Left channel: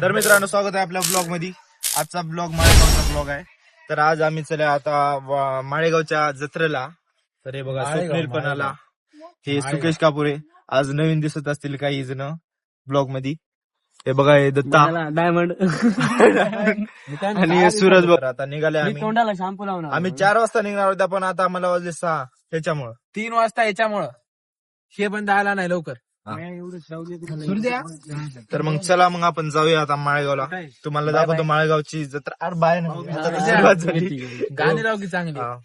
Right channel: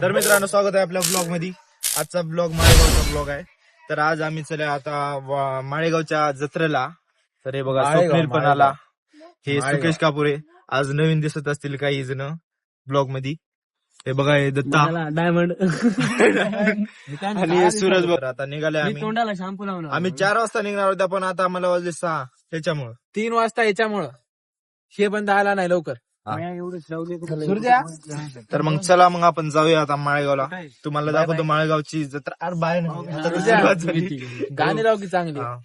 तर मित्रांनो स्वागत आहे आपल्या ब्लॉग मध्ये. आजचा ब्लॉग माळेगावचा ब्लॉग आहे. तर आज आम्ही चला आता माळेगावच्या जत्रेला. तर हे बघा स्वप्नील पण आला, हे सुकेश कापुरे आज नवीन दिसत असतील काही जण ब्लॉग मध्ये. हे बघा हे दत्ता डायमंड आणि सूरज बघा. आता निघाले आम्ही. तोंडाला शॅम्पू लावणार आम्ही 4 वाजता निघणार होता पण आता आम्हाला वाजले 6 त्याच्यामुळं 3 वाजता याच्यामुळं हे पण आला नाही लवकर. तर मग चला मग आपण जाऊया आता माळेगावला. तुम्हाला दाखवतो माळेगावची जत्रा. अरे बाय नाही आता तर सुरुवात झाली. गाणी लाव की चांगली. हा.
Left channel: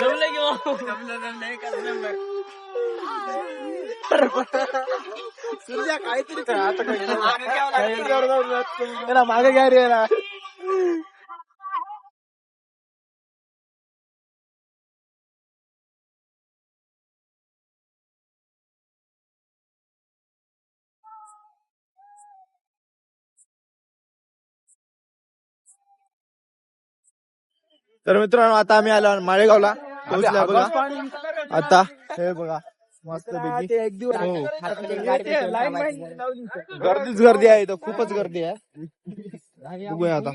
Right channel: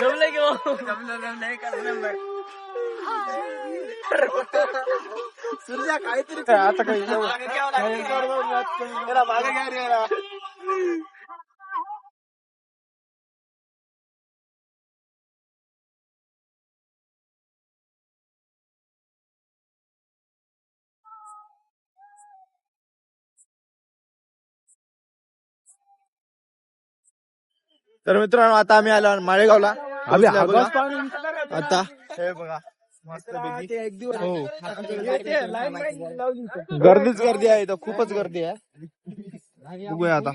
जमलं की सूर्या काहीतरी मागे काय रे. तर मित्रांनो आता आम्ही आलो माळेगावला. पोहोचल्या बघा आता. हे बघा मस्त हो गर्दीच गर्दी आहे इथं, खूपच गर्दी आहे. बघूया आता.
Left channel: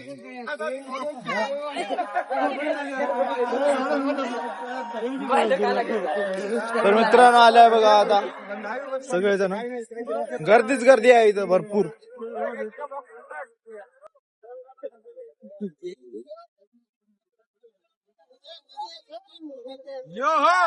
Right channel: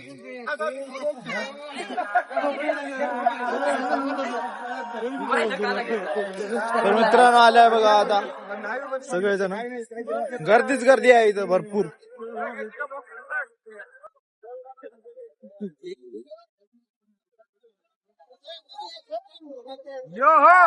तर मित्रांनो आलाय बघा आता सगळेजण. गर्दीच गर्दी आहे इथं भरपूर. यो हो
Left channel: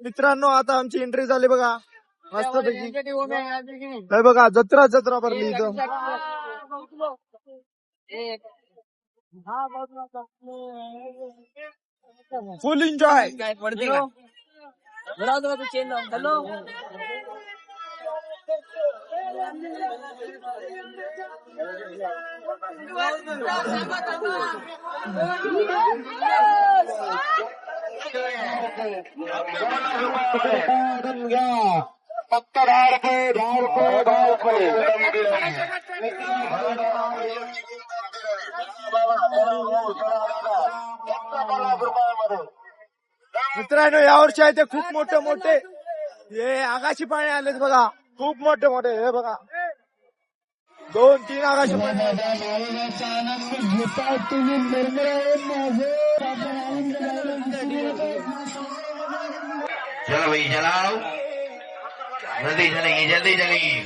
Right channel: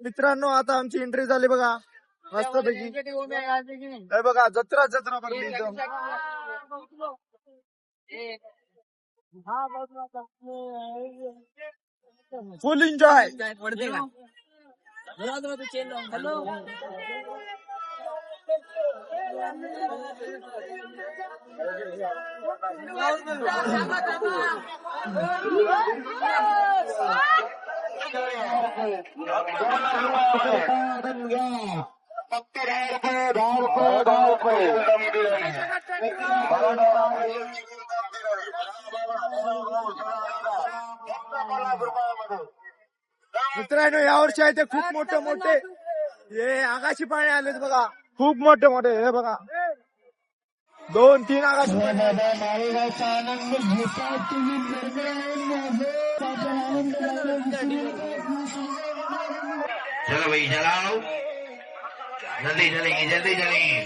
मित्रांनो आता आमची एंट्री झाली बघा मस्त पैकी. हे बघा जत्रा जत्रा भरली इथं. फुल एन्जॉय. पडते का हॅलो पक्का 10 रुपये. मित्रांनो यावर्षी आहे ते खूप मोठे मोठे हे आकाशी पाणी आलेत बघा. खूप मोठे मोठे हे बघा 2-3 आकाशी पाणी आले. चलो भाई चलाओ, जल्दी चलेंगे जल्दी चलेंगे.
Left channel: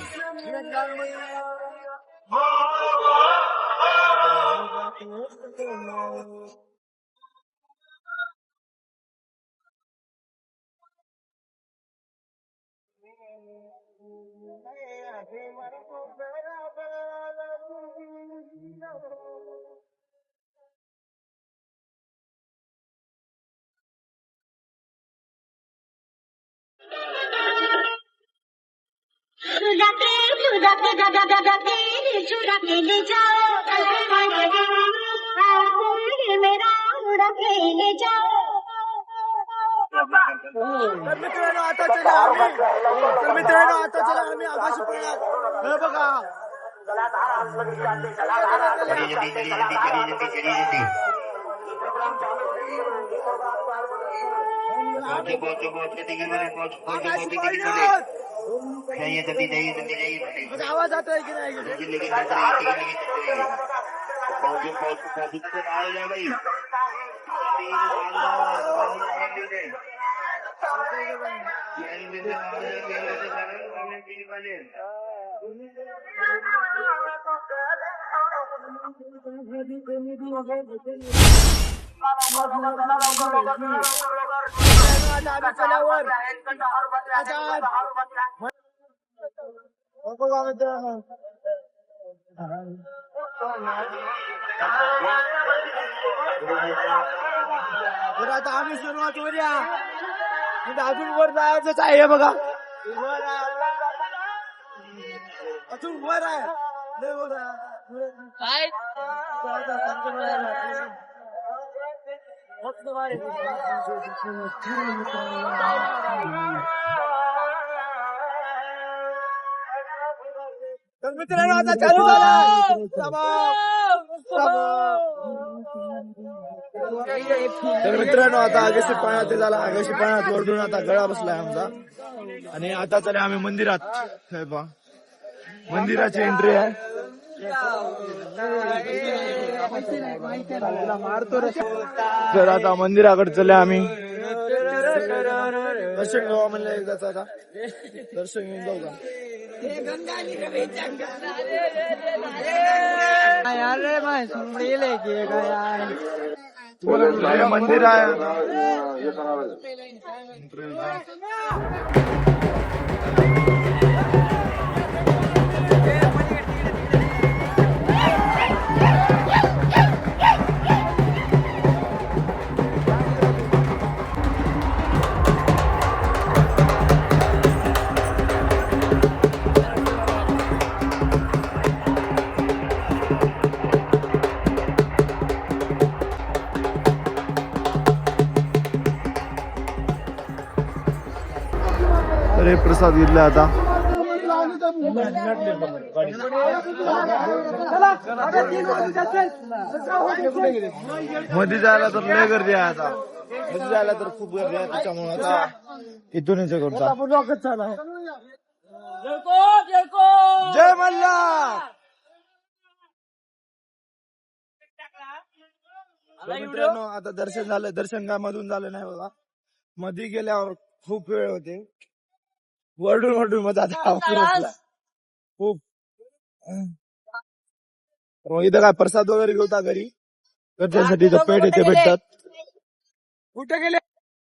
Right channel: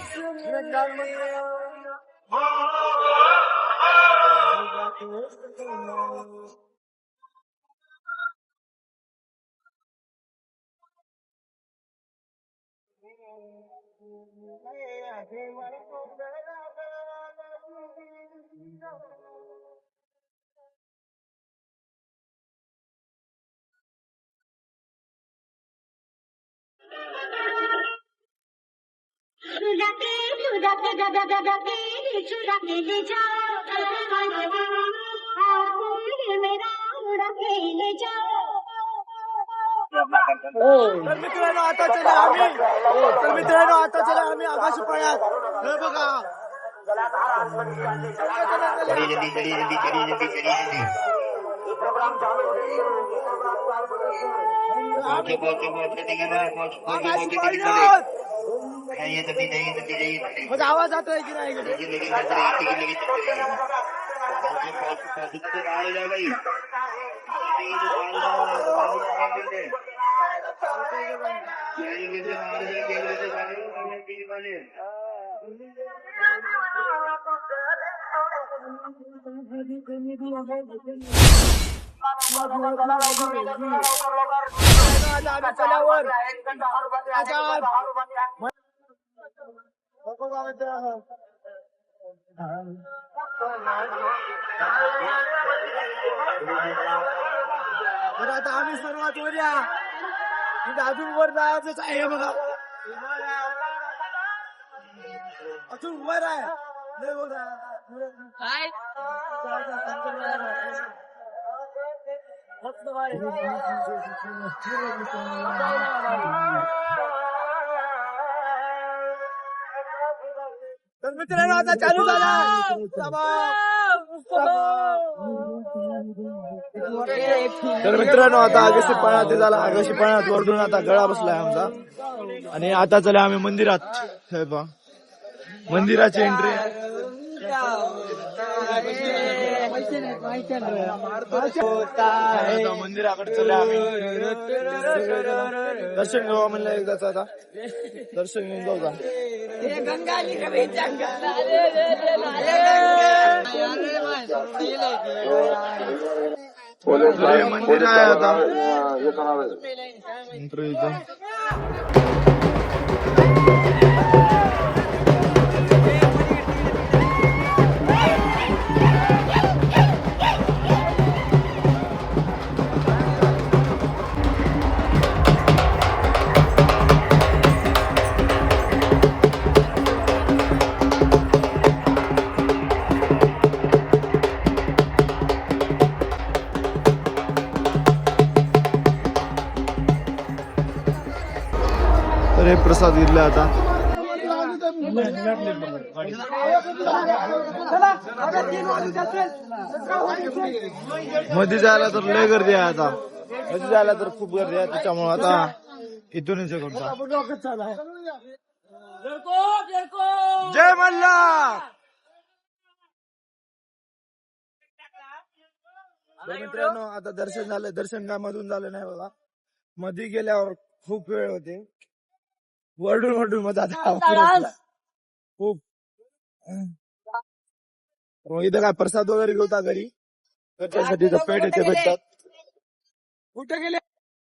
तर मित्रांनो आता चला आम्ही आकाशी पाण्यात. हे बघा आवाज जातोय की नाही. चल्यावर तर आता आम्ही सुरुवात करूया. अजून वर जायचं आहे बघा, अजून वर आहे. लय वर आहे. काय मस्त भारी. तर मित्रांनो आता चालू झाला. तर मित्रांनो आता आगाशी पाण्यात झाला. आगाशी पाण्यात वरडून आता गळा बसलाय आमचा. आणि आता चला आम्ही मंदिरात. हे पहा मंदिराची एंट्री आहे. तर आता मंदिराकडे चले आम्ही. दर्शन घेऊ म्हणलं एकदाच. आता दर्शन घेऊन जाऊ का. हे मंदिर आहे आता. एंट्री इथं. तर हे प्रसाद घेतले आता. मध्ये जायला तर लय गर्दी आहे आता. मध्ये जायला तर खूप गर्दी आहे. त्याच्यामुळे आता इथूनच हे करता. जय मल्हार. तर मित्रांनो आता दर्शन झालं. दर्शन काय मधून झालं नाही बघा. मध्ये गेल्यावर खूप वेळ होते. वरडून वरडून मग आता खूप. इथं काय प्रसाद वगैरे घेऊता घरी. घरच्यांसाठी पेट येते भेटतात. कुठे गेले.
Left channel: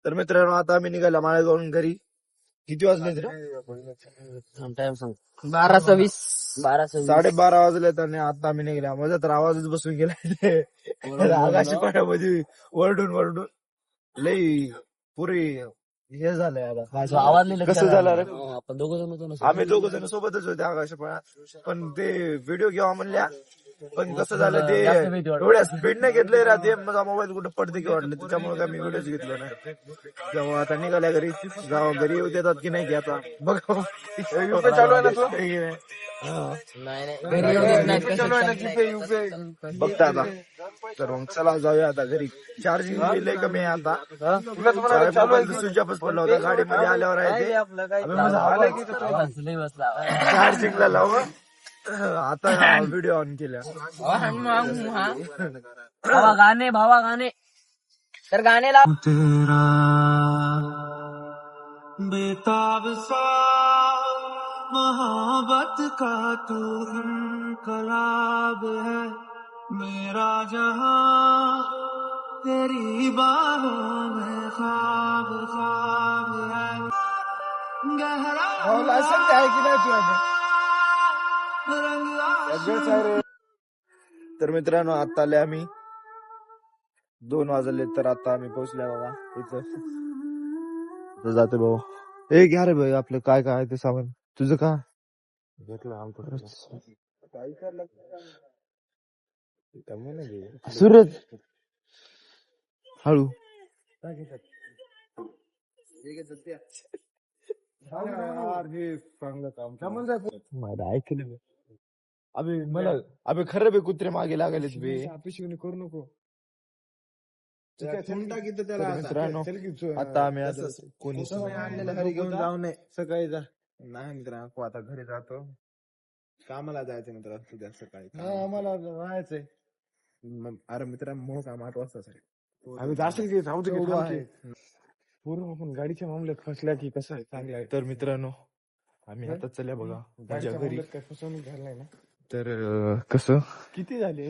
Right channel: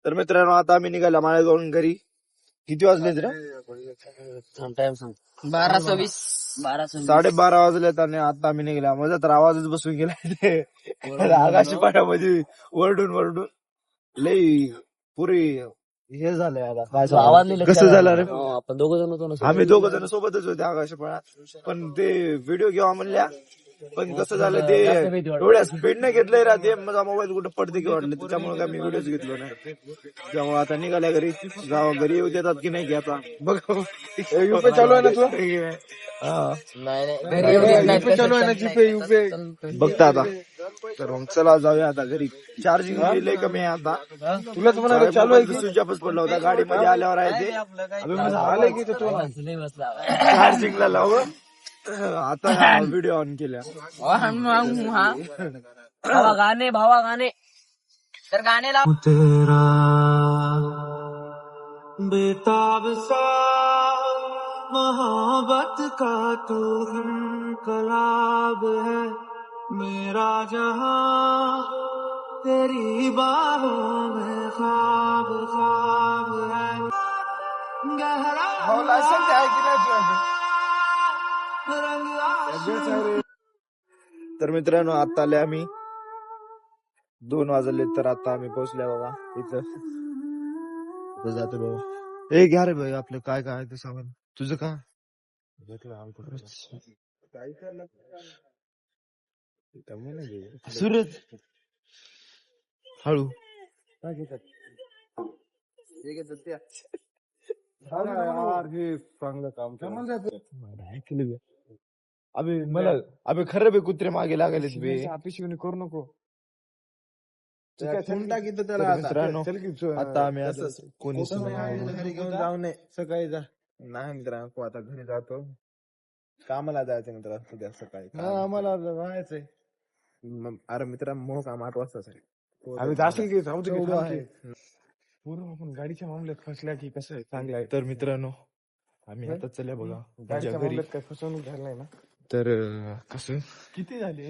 तर मित्रांनो आता आम्ही निघाला माळेगावून घरी. किती वाजले रे. 12:20. 12:30 वाजलेत. आणि आता आम्ही निघाला. माझा तर आवाजच बसून गेला. आकाशी पाण्यामध्ये वरडून वरडून लई पुरी हे झालंय आता. आवाज नाही कसं झालं रे. आपण दोघ जण होतो ना. आम्ही दोघ जण सोबतच होते आकाश पाण्यात. पण ते व्हिडिओ घ्यावा म्हणल्या. पण कसं झालं ते एवढ्या स्पीडने घेतलंय राहते. माझा मोबाईल कुठं पडते की वाटलं. त्याच्यामुळे काय मी व्हिडिओच घेतलो नाही. त्यामुळे आता निघाल्या घरी. घरी येऊ देतात की नाही की आता बघ. चालू आहे बघता आता. तर मग चला जाऊया आता घरी. चार्जिंग लय कमी आहे आता. स्विच ऑफच पडला होता. गाडीमध्ये आल्यावर आहे ते. चार्जिंगला लावून आता व्हिडिओ ऑन केल्या. भावा गाणे तर गाणे लाव. तेरा बेताब सा मोहब्बत का तू इनकलाब है. मेरा जहां तेरी बाहों में ख्वाब ख्वाब है. गहरा तर मित्रांनो आता आले आम्ही. 2 वाजले. तर आता आम्ही पोहोचल्या बाबा इथं. जाते भाऊ. हे घ्या रे भाई आपलं काय काय ते सामान. तुझं काय सूरज हळू. हे चांगलं काम ऐकलं. अबे मला अबे खरं बे कुत्रे मागे लागले बे. करू नको. मित्रांनो आता आम्ही कोणी घेऊन जाऊ नये. सकाळी जा. नाही मित्रांनो आता घरी जातो. कामाला जायचं मित्रांनो उद्या सकाळी. आम्हाला राहायचंय. अरे मित्रांनो मग काम 8 वाजता आम्ही जास्त पूर्ण आपण गाडीच्या मामल्यात फसल्या की कसं आहे चांगलं आहे. तर मित्रांनो आम्ही आता चल्या बघा माझ्या घरी. फसवणूक झालाय ना. तर कसं किती झाले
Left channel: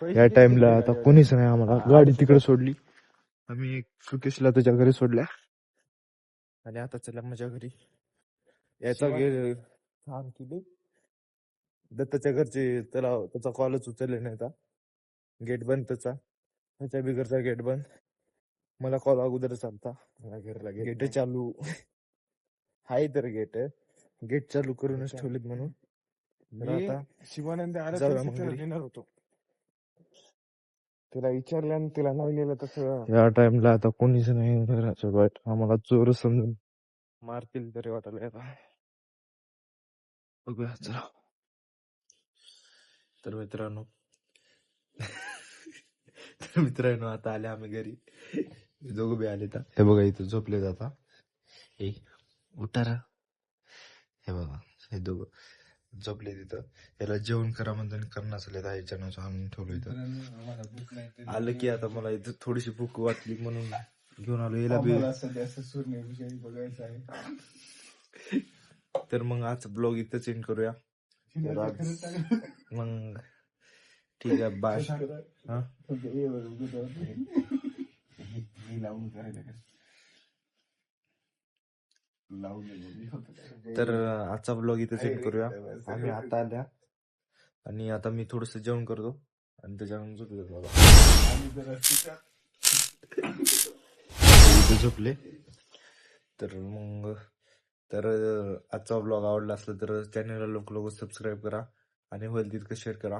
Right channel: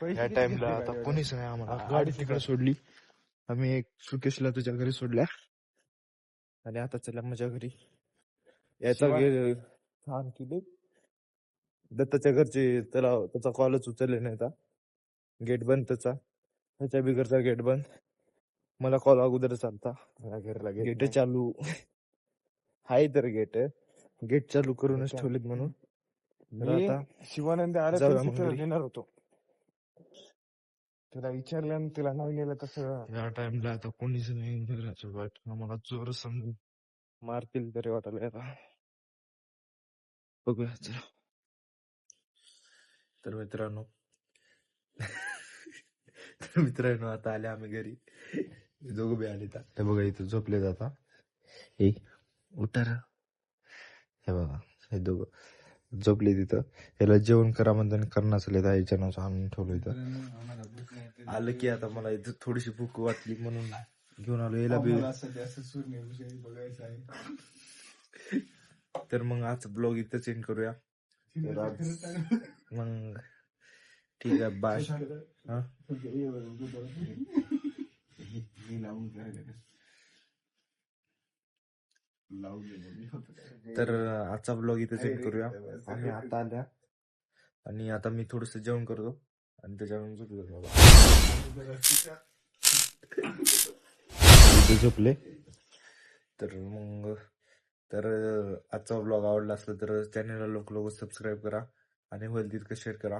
या टाइमला आता कोणीच नाही. आम्हाला गाडी तिकडे सोडली. आम्ही सुकेशला तुझ्या घरी सोडल्या. आणि आता चला माझ्या घरी. याचा छान की दत्ताच्या घरचे त्याचा कॉलच उचलले नाही. गेट बंद त्याचा. त्याच्या बिगरचा गेट बंद. मला कॉल अगोदर चालता गेट चालू हाय तर गेट चालू करूनच ठेवलेत म्हणून तर आता शिवानंद जाऊया मग घरी. देणार होतो तिला विचारलं तिला नाही लिहिलं तसं या टाइमला आता कोणीच नाही घराच्या बाहेर आम्हाला चोर समजून मारतील तरी वाटायला आता बघूया चला. तर मित्रांनो आता आले आम्ही घरी दोघं बी आले तर हे बघा इथं झोपले जाता हे उठार हे बघा हे दोघं झोपले तिथं याला जेवण करा म्हणताना करणार असले का याच्या नाव आणून ठेवलं इथं आलं की आता मला इथं थोडीशी भूक वाटली म्हणून घेऊन आलो याला बी. तर मग आज ब्लॉग इथं चेंज करूया तर आज मग ठीक आहे बाय. हा तर आजचा ब्लॉग इथं सेंड करूया. आम्ही आता आल्या आणि आता मी थोडस जेवण करतो आणि त्याच्यानंतर इथे झोपले. तर मग आजचा ब्लॉग आवडला असला तर चॅनलला लवकर सबस्क्राईब करा आणि होईल तितकं शेअर करा.